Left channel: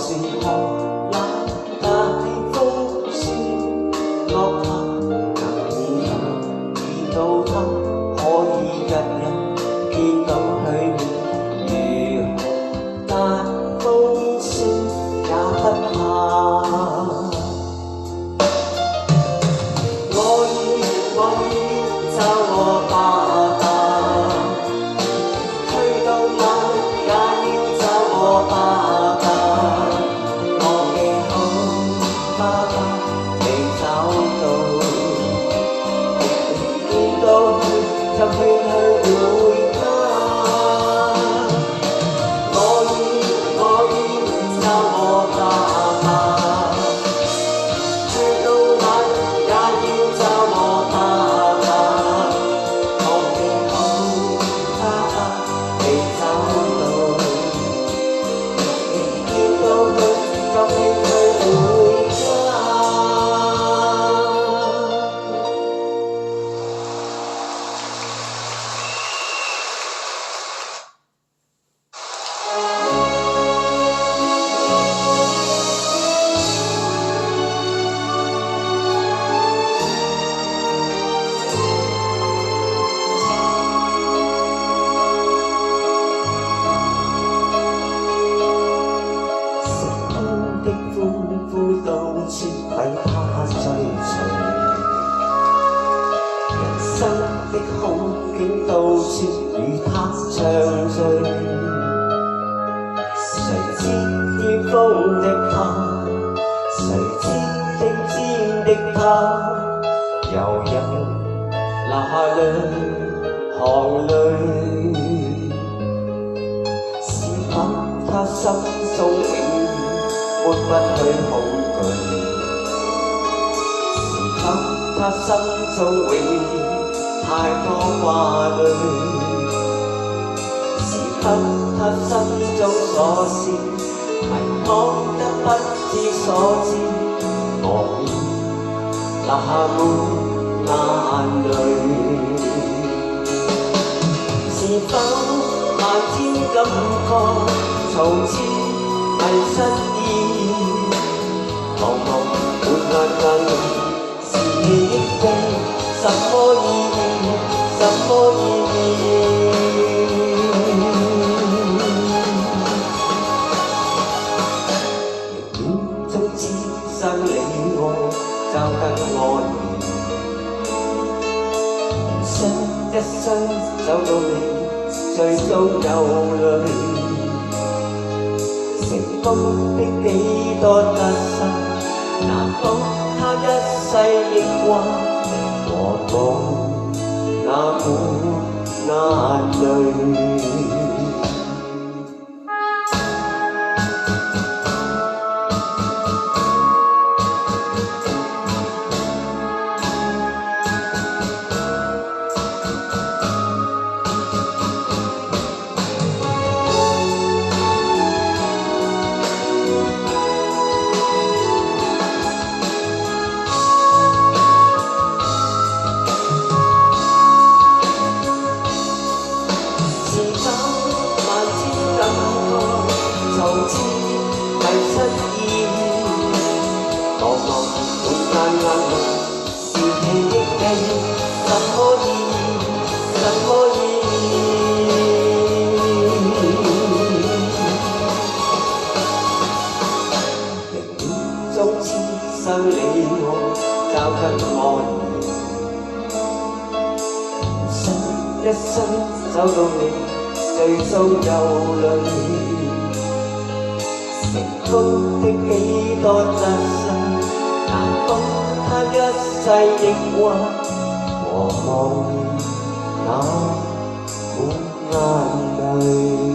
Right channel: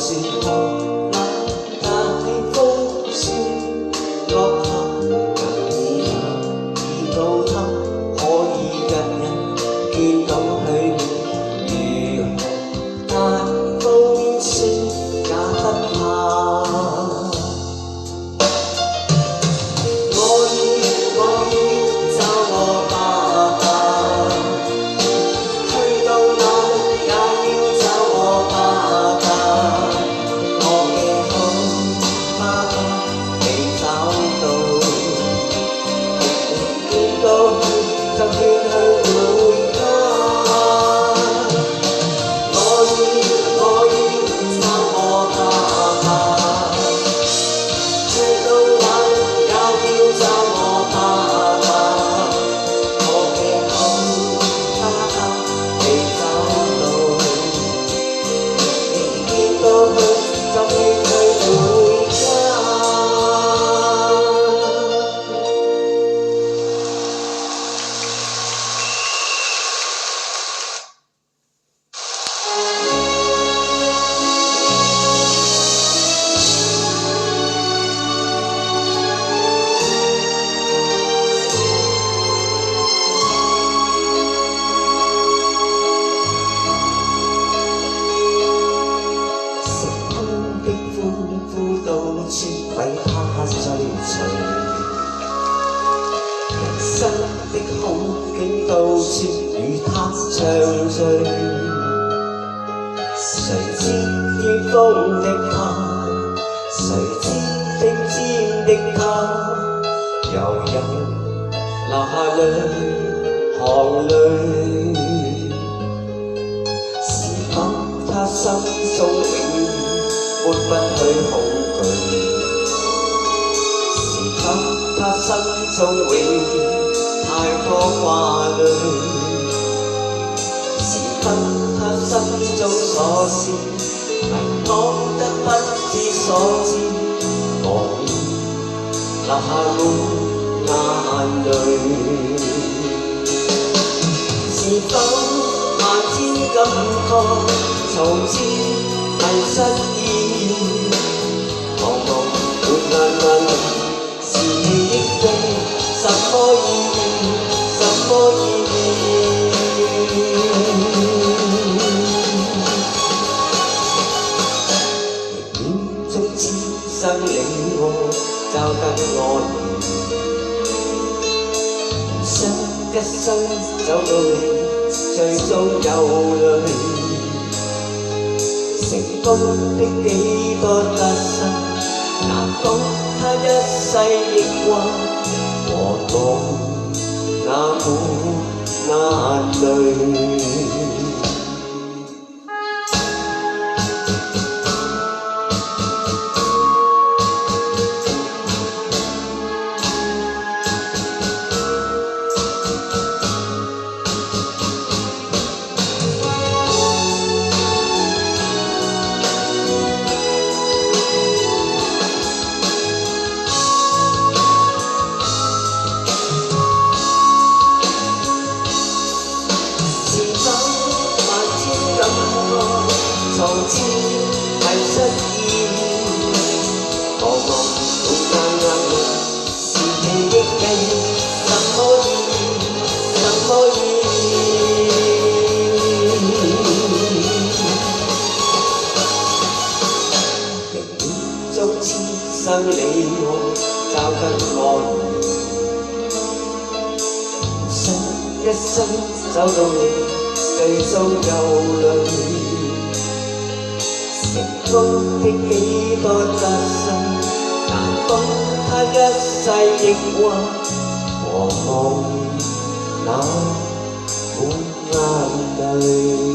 是看那大風雪落下，能以見到他，可以日日見到佢如何大風雪也不怕。我要找我爸爸，去到哪裏也要找我爸爸。我嘅好爸爸未找到，見到佢就勸佢回家。我要找我爸爸，去到哪裏也要找我爸爸。我嘅好爸爸未找到，見到佢就勸佢回家。的歡呼到處為他追隨，人生的好景到處與他暢聚。誰知天風的他，誰知頂尖的他，又有流下兩行淚。是否他心中永抹不去恐懼？是否他心中永太多掛慮？是否他心中所思迷惘得不知所知？我已流下滿眼淚。是否漫天感覺從此迷失意？茫茫滿眼淚，是憶記什麼意義？什麼意義？冥中此生你我就跟我想一生走到你，最終有淚。成功的幾多得失，難保他一世憶掛，和我那滿眼淚。從此迷失意義，茫茫滿眼淚，是記憶記什麼意義？什麼意義？冥中此生你我就跟我想一生走到你，最終有淚。成功的幾多得失，難保他一世憶掛，和我那滿眼淚。